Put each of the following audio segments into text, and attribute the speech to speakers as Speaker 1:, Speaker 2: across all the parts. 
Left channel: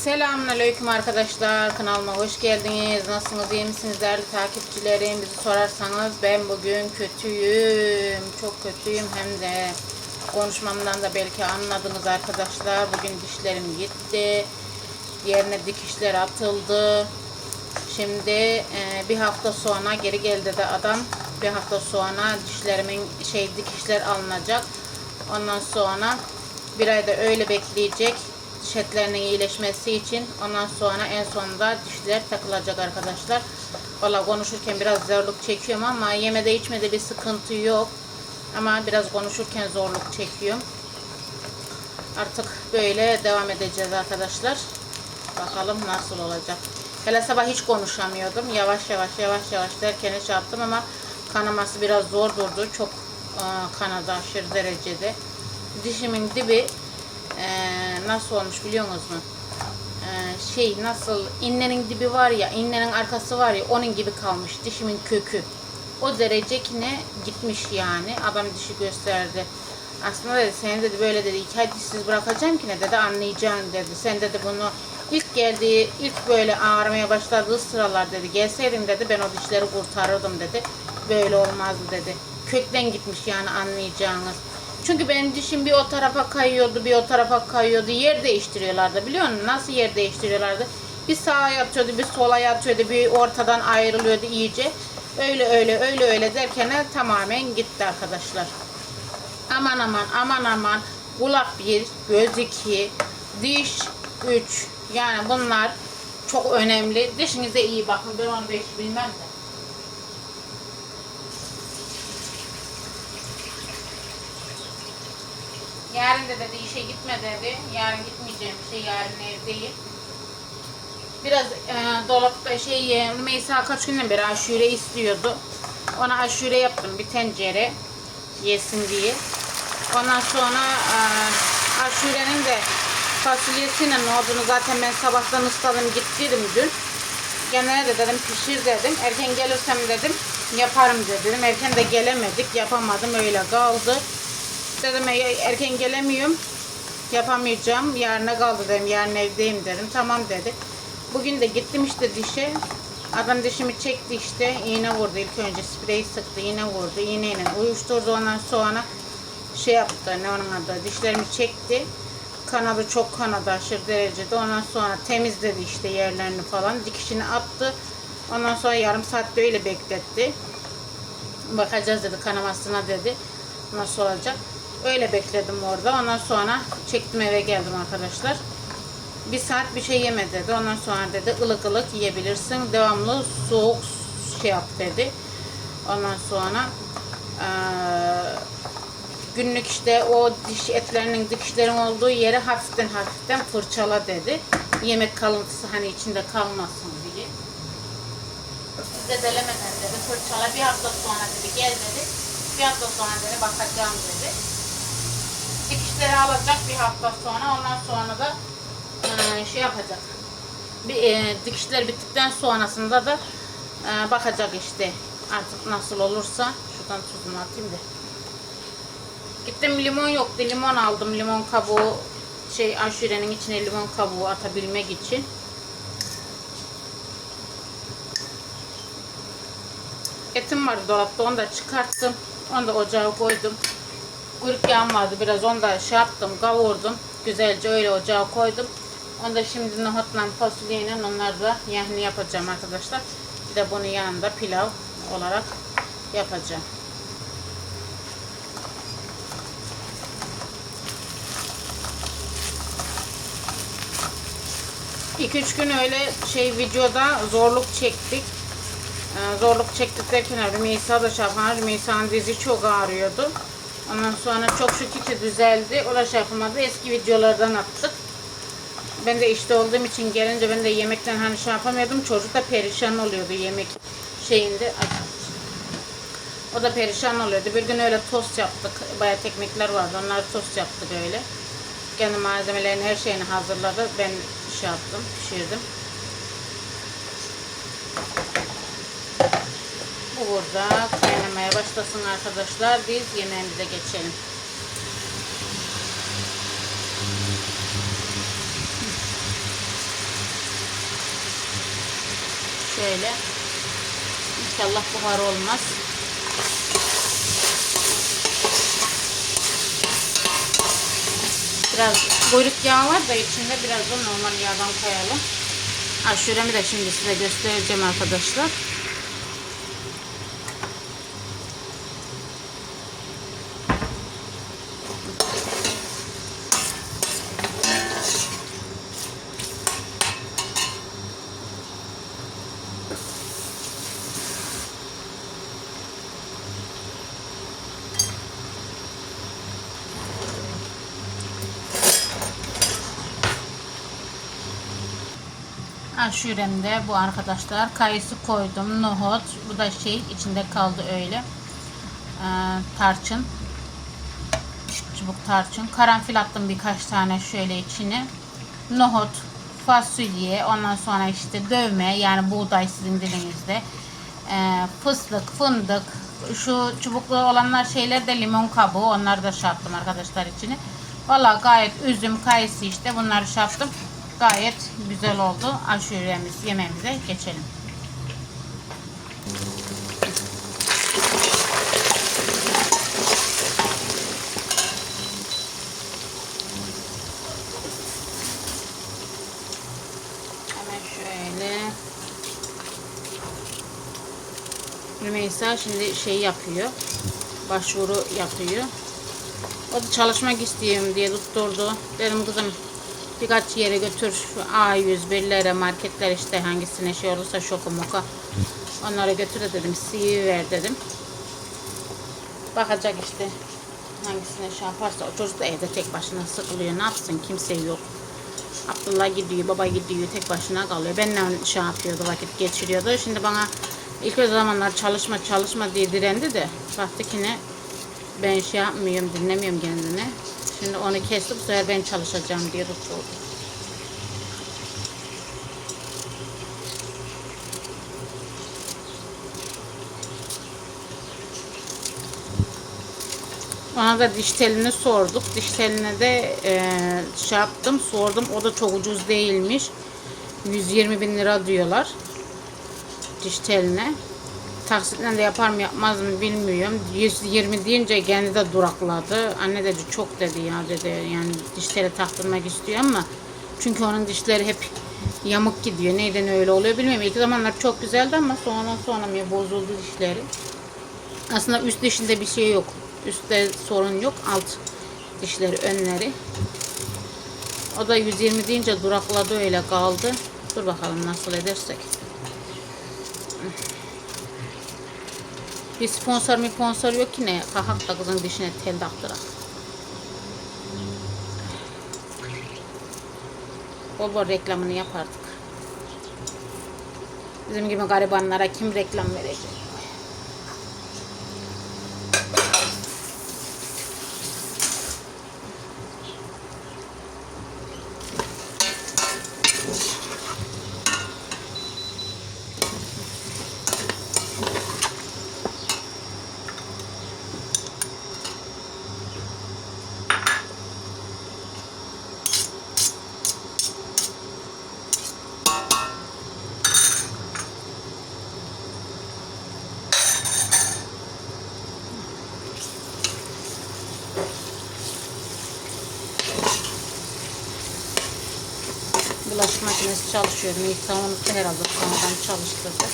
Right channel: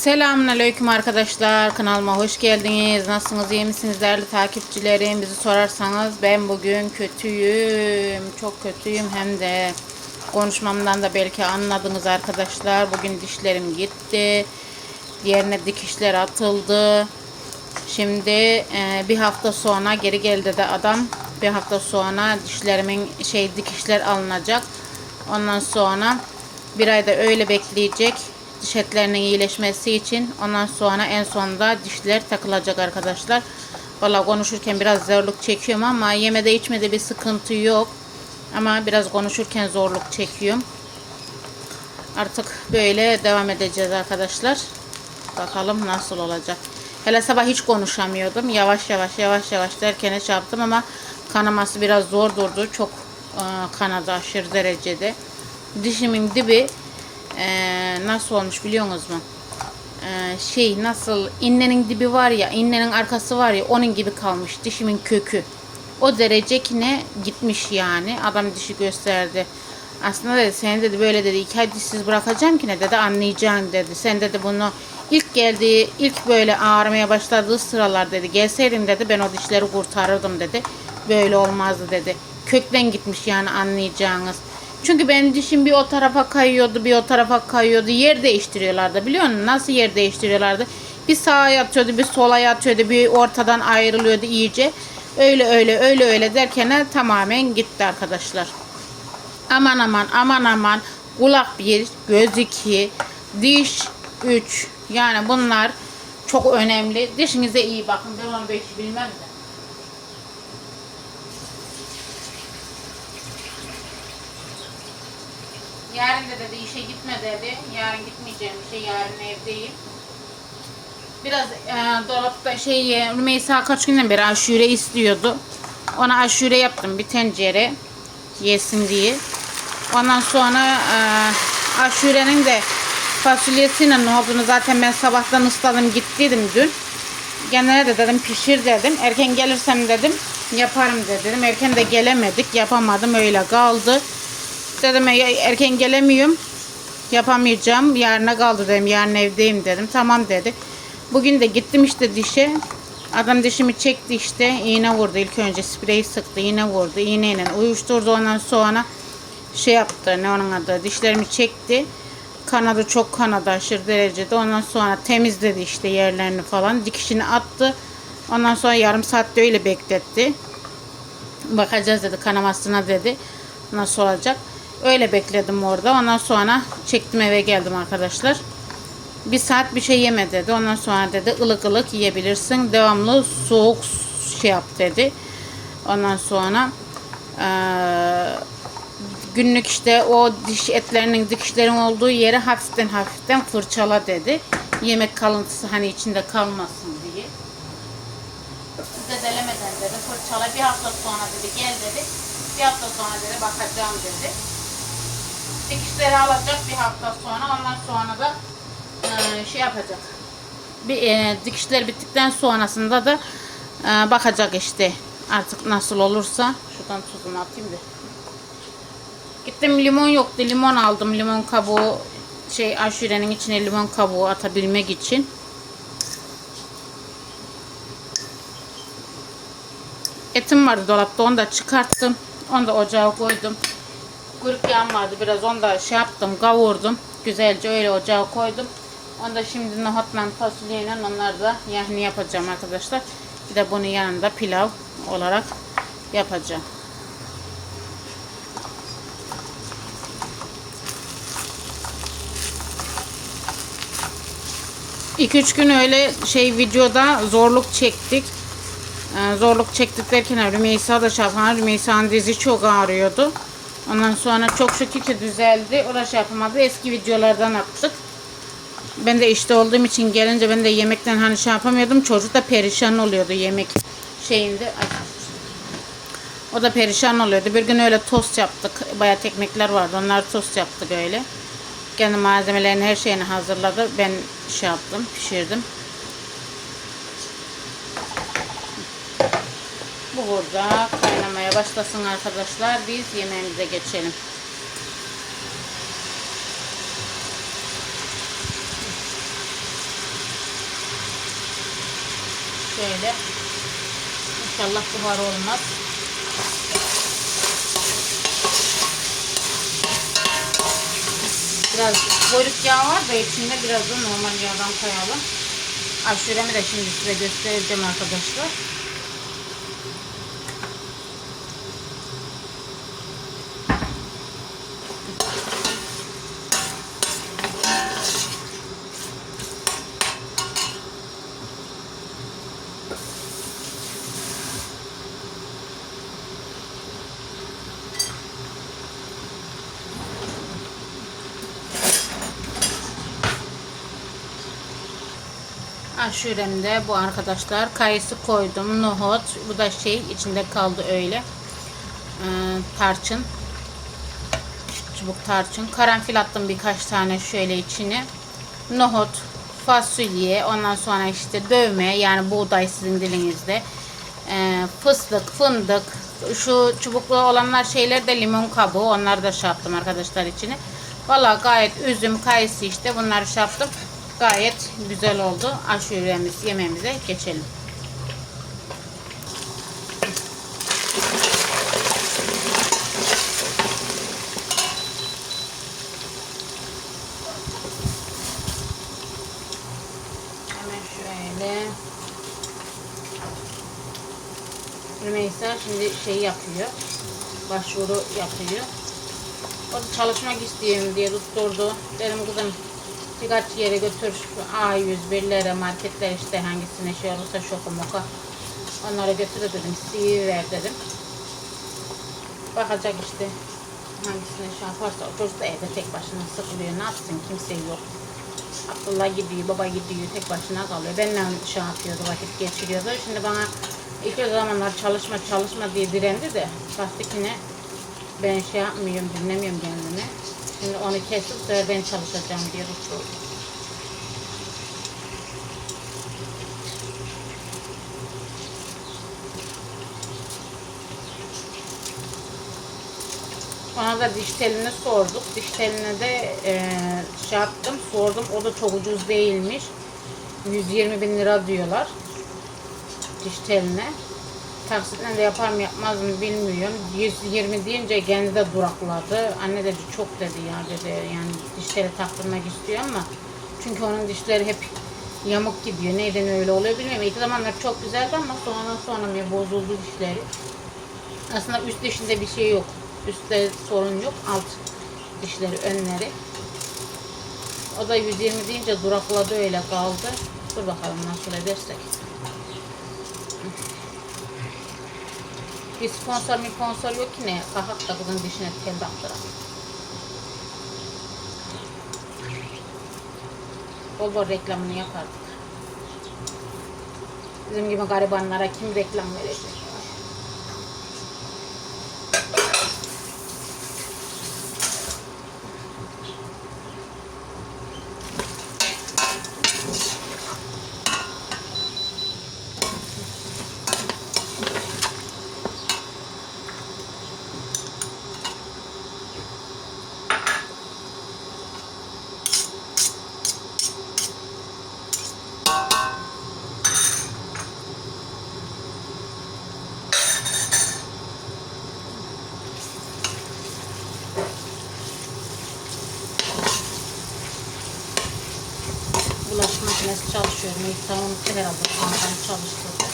Speaker 1: Selamünaleyküm arkadaşlar. Kanalıma hoş geldiniz. Nasılsınız? iyi misiniz değerli takipçilerim? Bizi sorarsanız ben bugün kötüyüm. Çok kötüyüm hem de konuşmamdan da belki anladınız arkadaşlar. Bugün dişlerim gitti. Yerine dikişler atıldı. Şimdi e, bir hafta sonra geri geldi de adam. Bir hafta sonra dişlerimin şey dikişler alınacak. Ondan sonra bir ayda öyle bekleyecek diş etlerinin iyileşmesi için. Ondan sonra en sonunda dişler takılacak arkadaşlar. Valla konuşurken biraz zorluk çekiyorum ama yemede içmede bir sıkıntı yok. Ama biraz konuşurken zorluk çekiyorum. Artık böyle devam edeceğiz arkadaşlar. Bakalım nasıl olacak. Hele sabah hiç konuşamıyordum. Yavaş yavaş yavaş yavaş derken şey yaptım ama kanaması biraz zor durdu. Çok e, kanadı aşırı derecede. Dişimin dibi e, nasıl olmuş biliyor musunuz? E, şey nasıl innenin dibi var ya innenin arkası var ya onun gibi kalmış dişimin kökü. O derece ki ne gitmiş yani. Adam dişi gösterdi. Aslında dedi sen dedi böyle dedi iki ay dişsiz bırakacağım ki ne dedi anlayacaksın dedi. Sen dedi bunu ilk geldiği ilk böyle ağrımaya başladığı sıralar dedi gelseydin dedi ben o dişleri kurtarırdım dedi. Böyle olmazdı dedi. Kökten gitmiş yani anlayacağınız. Çünkü benim dişim bir o tarafa kayıyordu, bir o tarafa kayıyordu. Yer değiştiriyorlardı biliyor musun? Nasıl yer değiştiriyorlardı? Bir sağa yatıyordu, bir sola yatıyordu, bir ortadan ayrılıyordu iyice. Öyle öyle öyle öyle derken tamamen gitti arkadaşlar. Aman aman aman aman kulak bir, göz iki, diş üç. Yani bunlar çok önemli. Dişinize iyi bakın. Ben onu belki bilmem de. Yarın da dedi işe gitme dedi. Yarın gitmeyeceğim şey yarın evdeyim. Biraz e, dolapta şey e, Rümeysa kaç günden beri aşure istiyordu. Ona aşure yaptım bir tencere yesin diye. Ondan sonra e, aşurenin de fasulyesinin ne olduğunu zaten ben sabahtan ısladım gittiydim dün. Genelde de dedim pişir dedim. Erken gelirsem dedim yaparım dedim. Erken de gelemedik yapamadım öyle kaldı. Dedim "E, erken gelemiyorum yapamayacağım. Yarına kaldı dedim. Yarın evdeyim dedim. Tamam dedi. Bugün de gittim işte dişe. Adam dişimi çekti işte. iğne vurdu. İlk önce spreyi sıktı. iğne vurdu. İğneyle uyuşturdu. Ondan sonra şey yaptı. Ne onun adı? Dişlerimi çekti. Kanadı çok kanadı aşırı derecede. Ondan sonra temizledi işte yerlerini falan. Dikişini attı. Ondan sonra yarım saatte öyle bekletti. Bakacağız dedi kanamasına dedi. Nasıl olacak? Öyle bekledim orada. Ondan sonra çektim eve geldim arkadaşlar. Bir saat bir şey yeme dedi. Ondan sonra dedi ılık ılık yiyebilirsin. Devamlı soğuk şey yap dedi. Ondan sonra eee, günlük işte o diş etlerinin dikişlerin olduğu yere hafiften hafiften fırçala dedi. Yemek kalıntısı hani içinde kalmasın diye. Zedelemeden dedi fırçala bir hafta sonra dedi gel dedi. Bir hafta sonra dedi bakacağım dedi. Alacak bir hafta sonra ondan sonra da e, şey yapacak. Bir e, dikişler bittikten sonrasında da e, bakacak işte artık nasıl olursa. Şuradan tuzunu atayım da. Gittim limon yoktu. Limon aldım. Limon kabuğu şey aşurenin içine limon kabuğu atabilmek için. Etim vardı dolapta. Onu da çıkarttım. Onu da ocağa koydum. Kuyruk yağım vardı. Biraz onu da şey yaptım. Kavurdum. Güzelce öyle ocağa koydum. Onu da şimdi nohutla fasulyeyle onları da yahni yapacağım arkadaşlar. Bir de bunun yanında pilav olarak yapacağım. 2-3 gün öyle şey videoda zorluk çektik. Ee, zorluk çektik derken Rümeysa da şey yapan Rümeysa'nın dizi çok ağrıyordu. Ondan sonra çok şükür ki düzeldi. Şey yapamadı. Eski videolardan attık. Ben de işte olduğum için gelince ben de yemekten hani şey yapamıyordum. Çocuk da perişan oluyordu yemek şeyinde. O da perişan oluyordu. Bir gün öyle tost yaptık. Bayat ekmekler vardı. Onlar tost yaptık öyle. Kendi malzemelerini her şeyini hazırladı. Ben şey yaptım, pişirdim. Bu burada başlasın arkadaşlar. Biz yemeğimize geçelim. Şöyle. İnşallah buhar olmaz. Biraz kuyruk yağı var da içinde biraz da normal yağdan koyalım. Aşuremi de şimdi size göstereceğim arkadaşlar. Aşuremde bu arkadaşlar. Kayısı koydum. Nohut. Bu da şey içinde kaldı öyle. Ee, tarçın. Çubuk tarçın. Karanfil attım birkaç tane şöyle içine. Nohut. Fasulye. Ondan sonra işte dövme. Yani buğday sizin dilinizde. Ee, fıstık, fındık. Şu çubuklu olanlar şeyler de limon kabuğu. Onları da şey yaptım arkadaşlar içine. Valla gayet üzüm, kayısı işte bunları şey yaptım. Gayet güzel oldu. Aşuremiz yemeğimize geçelim. Rümeysa şimdi şey yapıyor. Başvuru yapıyor. O da çalışmak istiyorum diye tutturdu. Benim kızım birkaç yere götür şu A101'lere, marketler işte hangisine şey olursa şoku moka. Onlara götür dedim. CV ver dedim. Bakacak işte hangisine şey yaparsa. O çocuk da evde tek başına sıkılıyor. Ne yapsın? Kimse yok. Abdullah gidiyor, baba gidiyor, tek başına kalıyor. Benimle şey yapıyordu, vakit geçiriyordu. Şimdi bana ilk o zamanlar çalışma çalışma diye direndi de baktı ki ne ben şey yapmıyorum, dinlemiyorum kendini. Şimdi onu kesip bu sefer ben çalışacağım diye tutturdu. Ona da diş telini sorduk. Diş teline de e, şey yaptım, sordum. O da çok ucuz değilmiş. 120 bin lira diyorlar. Diş teline. Taksitle de yapar mı yapmaz mı bilmiyorum. 120 deyince kendi de durakladı. Anne dedi çok dedi ya dedi. Yani dişleri taktırmak istiyor ama çünkü onun dişleri hep yamuk gidiyor. Neyden öyle oluyor bilmiyorum. İlk zamanlar çok güzeldi ama sonradan sonra bir bozuldu dişleri. Aslında üst dişinde bir şey yok. Üstte sorun yok. Alt dişleri, önleri. O da 120 deyince durakladı öyle kaldı. Dur bakalım nasıl edersek. Bir sponsor mi sponsor yok ki ne? Kahak da kızın dişine tel taktırak. Bol bol reklamını yapardık. Bizim gibi garibanlara kim reklam verecek? Çalışıyor. Miktar unuttu herhalde. Sonradan çalıştırdı.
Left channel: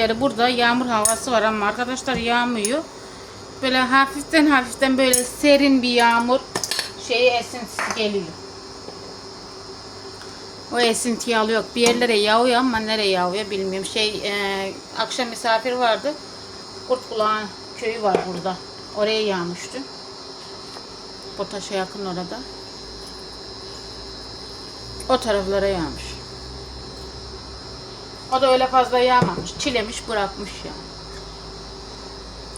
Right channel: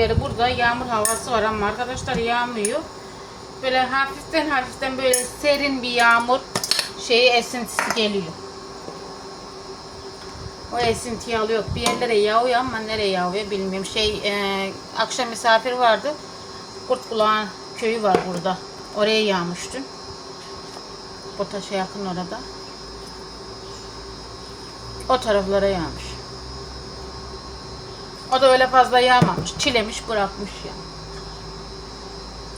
Speaker 1: Beri burada yağmur havası var ama arkadaşlar yağmıyor. Böyle hafiften hafiften böyle serin bir yağmur şeyi esintisi geliyor. O esintiyi alıyor. Bir yerlere yağıyor ama nereye yağıyor bilmiyorum. Şey e, akşam misafir vardı. Kurtkulağın köyü var burada. Oraya yağmıştı. Botaş'a yakın orada. O taraflara yağmış. O da öyle fazla yağmamış. Çilemiş bırakmış ya.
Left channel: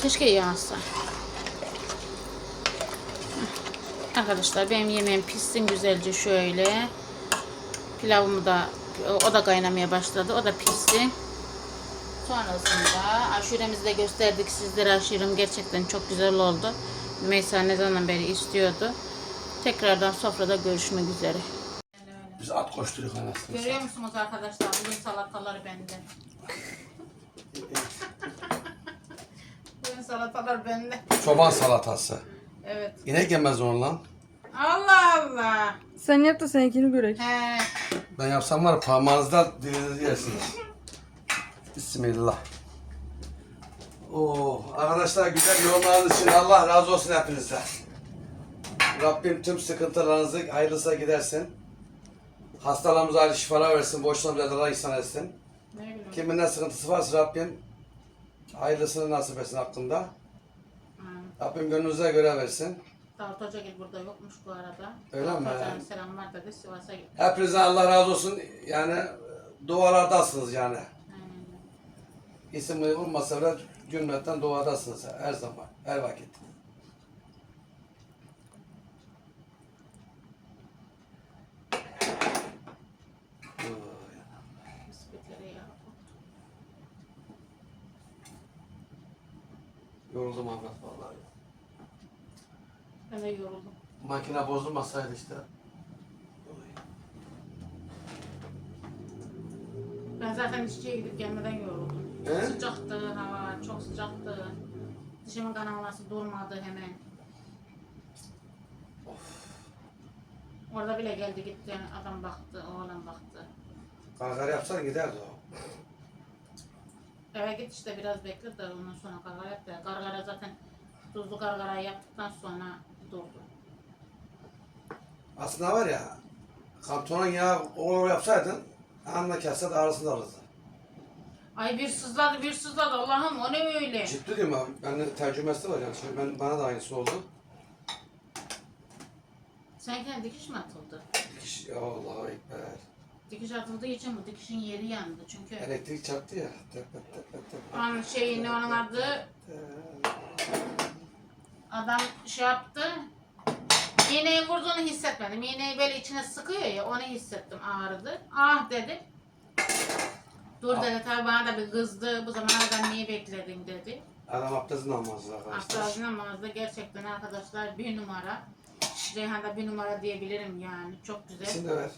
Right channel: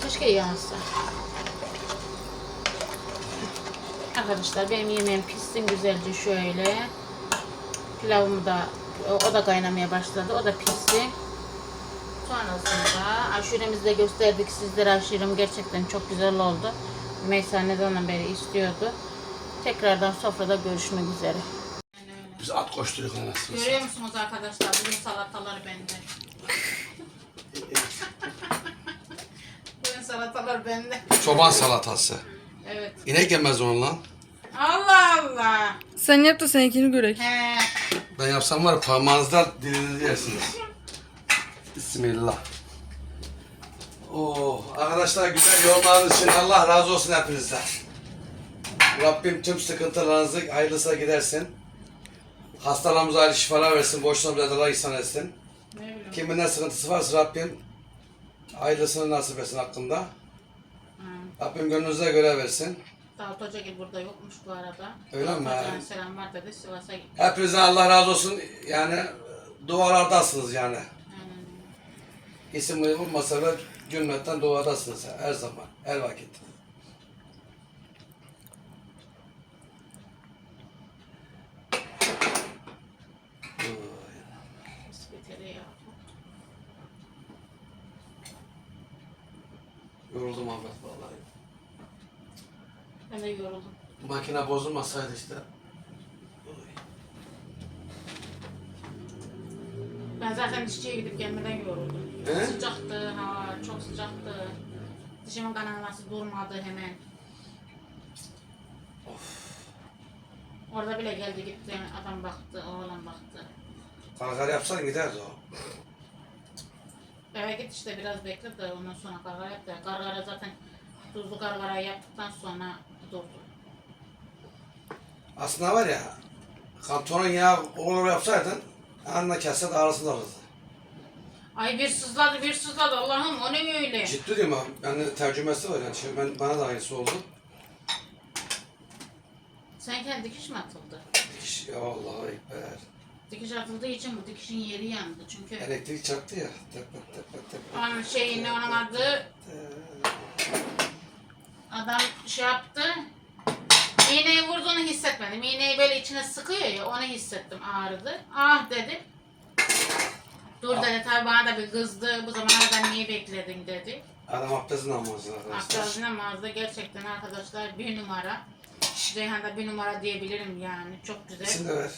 Speaker 1: Keşke yağsa. Arkadaşlar benim yemeğim pişsin güzelce şöyle. Pilavım da o da kaynamaya başladı. O da pişti. Sonrasında aşuremizi de gösterdik sizlere. Aşurem gerçekten çok güzel oldu. Meysa ne zaman beri istiyordu. Tekrardan sofrada görüşmek üzere.
Speaker 2: Biz at koşturuyoruz anasını.
Speaker 1: Görüyor musunuz arkadaşlar? Bugün salataları bende. Bugün salatalar bende.
Speaker 2: Çoban salatası.
Speaker 1: Evet.
Speaker 2: İnek yemez onu lan.
Speaker 1: Allah Allah.
Speaker 3: Sen yap da seninkini görek.
Speaker 1: He.
Speaker 2: Ben yapsam var ya parmağınızdan dilinizi yersiniz. Bismillah. Oo, arkadaşlar güzel yorumlarınız için Allah razı olsun hepinizden. Rabbim tüm sıkıntılarınızı hayırlısı gidersin. Hastalarımıza ayrı şifalar versin, borçlarımıza da ihsan etsin. Kimin ne sıkıntısı varsa Rabbim hayırlısını nasip etsin hakkında.
Speaker 1: Ha.
Speaker 2: Rabbim gönlünüze göre versin.
Speaker 1: Davut Hoca gibi burada yokmuş bu arada.
Speaker 2: Öyle
Speaker 1: Davut
Speaker 2: mi?
Speaker 1: Hoca'nın selamlar dedi. Sivas'a gitti.
Speaker 2: Hepinizden Allah razı olsun. Yani dualardasınız yani.
Speaker 1: Aynen.
Speaker 2: İsim bulunmasa da cümletten duadasınız her zaman, her vakit. Yoruldum Ahmet vallahi.
Speaker 1: Ben de yoruldum.
Speaker 2: Makine bozulmasaydı işte.
Speaker 1: Ben zaten dişçiye gidip gelmeden yoruldum.
Speaker 2: He?
Speaker 1: Sıcaktı hava, çok sıcaktı. Dişimin kanaması durmadı hemen. Orada bile geldi gitti, adam baktı, oğlan baktı.
Speaker 2: Kangar yapsan giderdi o.
Speaker 1: Eve git işte biraz bekle de ondan sonra gargara yap da. Gargara zaten tuzlu gargara yaptıktan sonra durdu.
Speaker 2: Aslında var ya, kantonun yağı olur yapsaydın, anla kesse de arasında olurdu.
Speaker 1: Ay bir sızladı bir sızladı Allah'ım o ne öyle?
Speaker 2: Ciddi diyorum abi, bende tercümesi var yani. Şimdi ben, bana da aynısı oldu.
Speaker 1: Sen kendi dikiş mi atıldı?
Speaker 2: Dikiş, ya Allah'a ekber.
Speaker 1: Dikiş atıldığı için bu dikişin yeri yandı çünkü.
Speaker 2: Elektrik çarptı ya. Tepet.
Speaker 1: Onun şeyi ne onun adı adam şey yaptı. İğneyi vurduğunu hissetmedim. İğneyi böyle içine sıkıyor ya onu hissettim ağrıdı. Ah dedim. Dur dedi tabi bana da bir kızdı. Bu zamana kadar niye bekledin dedi.
Speaker 2: Adam abdestini almazdı arkadaşlar.
Speaker 1: Astrolojine mağazada gerçekten arkadaşlar bir numara. Ceyhan'da bir numara diyebilirim yani. Çok güzel.
Speaker 2: İsim de ver.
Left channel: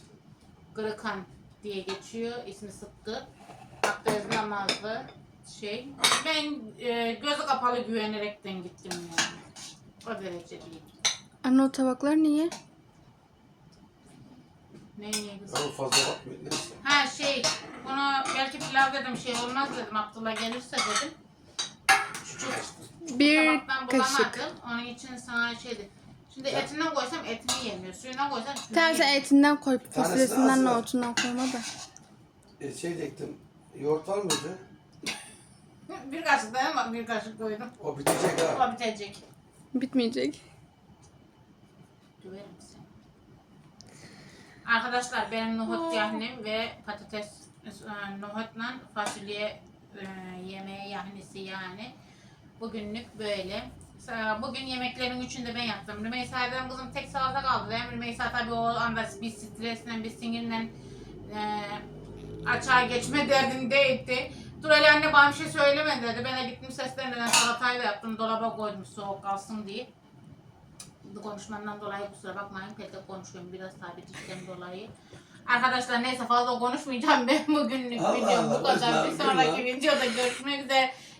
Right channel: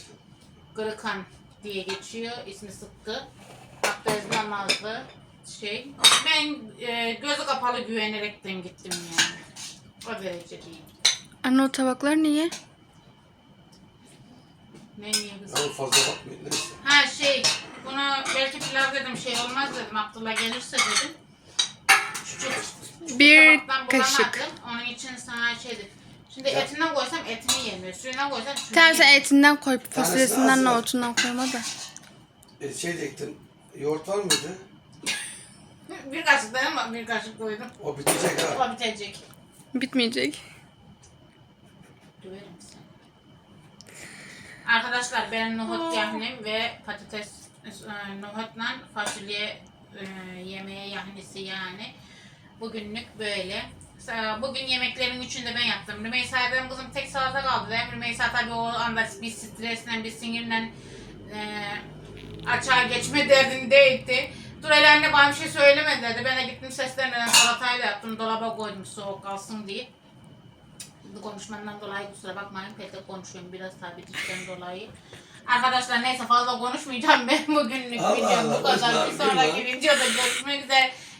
Speaker 1: Kırıkan diye geçiyor. İsmi Sıkkı. Abdest namazlı şey. Ben e, gözü kapalı güvenerekten gittim yani. O derece değil.
Speaker 3: Anne o tabaklar niye?
Speaker 1: Ne niye kızım?
Speaker 2: Fazla bakmayın neyse.
Speaker 1: Ha şey, bunu belki pilav dedim şey olmaz dedim. Abdullah gelirse dedim. Şu
Speaker 3: Bir
Speaker 1: tabaktan
Speaker 3: kaşık.
Speaker 1: bulamadım. Onun için sana şeydi. Şimdi etinden koysam etini yemiyor. Suyundan koysam suyunu yemiyor.
Speaker 3: etinden koy.
Speaker 2: Tanesi
Speaker 3: Fasulyesinden
Speaker 2: var.
Speaker 3: nohutundan koyma da.
Speaker 2: E, şey diyecektim. Yoğurt var mıydı?
Speaker 1: Bir kaşık da ama bir kaşık koydum.
Speaker 2: O bitecek ha.
Speaker 1: O bitecek.
Speaker 3: Bitmeyecek.
Speaker 1: Seni. Arkadaşlar benim nohut yahnim ve patates e, nohutla fasulye e, yemeğe yahnisi yani. Bugünlük böyle. Sa- Bugün yemeklerin üçünü de ben yaptım. Rümeysa dedim kızım tek salata kaldı dedim. Rümeysa tabii o anda bir stresle bir sinirle e, açığa geçme derdindeydi. Dur hele anne bana bir şey söyleme dedi. Ben de gittim seslenmeden salatayı da yaptım. Dolaba koydum soğuk kalsın diye. Bu konuşmamdan dolayı kusura bakmayın. Pek konuşuyorum biraz tabii dişten dolayı. Arkadaşlar neyse fazla konuşmayacağım ben bugünlük videom bu kadar. Bir sonraki videoda görüşmek üzere.